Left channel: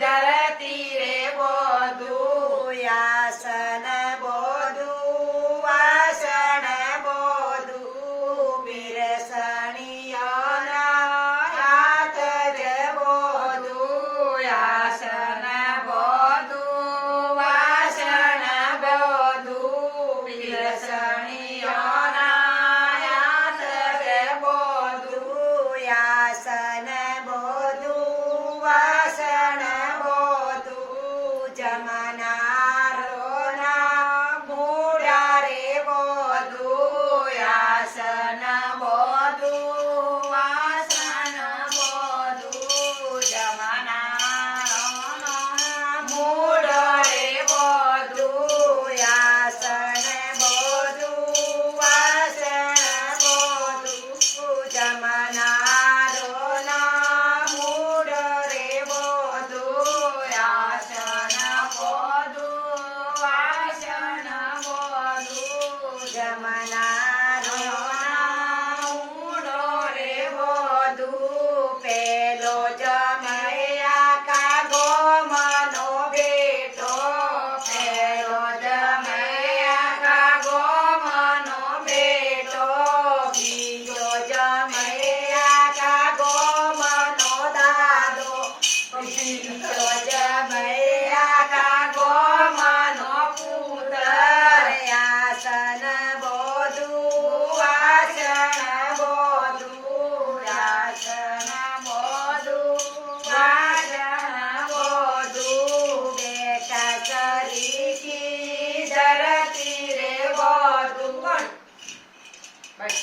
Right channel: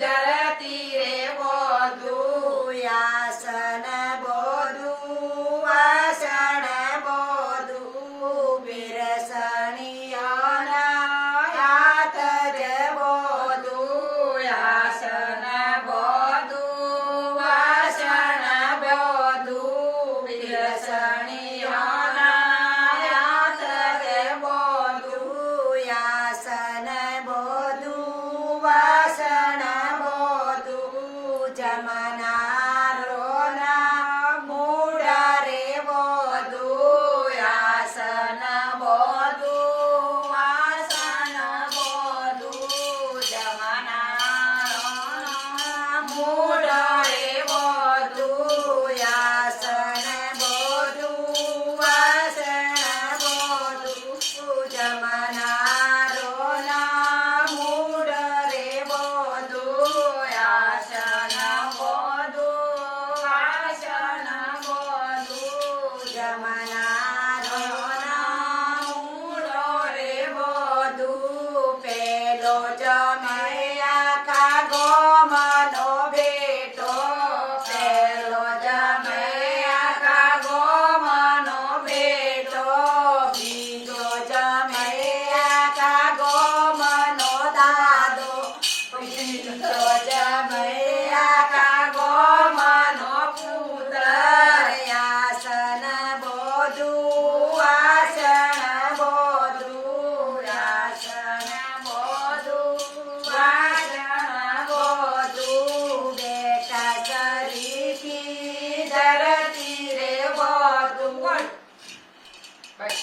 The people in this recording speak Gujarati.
ધરતી રે બોધું આસન બોધું વાસણ બોધું પીરસણીઓના હાથ જ બોધું આસન બોધું વાસણ બોધું પીરસણીઓના હાથ જ બોધું આસન બોધું વાસણ બોધું જમનારોના મૂળા રે બોધું આસન બોધું વાસણ બોધું જમનારોના મૂળ રે બોધું આસન બોધું વાસણ બોધું જમનારોના મૂળ રે બોધું આસન બોધું વાસણ બોધું જમનારોના મૂળ રે બોધું પેલો જમૈયા કાગો મનો બેટો પેલો જમૈયા કાગો મનો બેટો બીજો જમૈયા કાગો મનો દાદો બીજો જમૈયા કાગો મનો પુત્ર આસન બોધું વાસણ બોધું આસન બોધું વાસણ બોધું બેટા સરીથી ધરતી રે બોધું બસ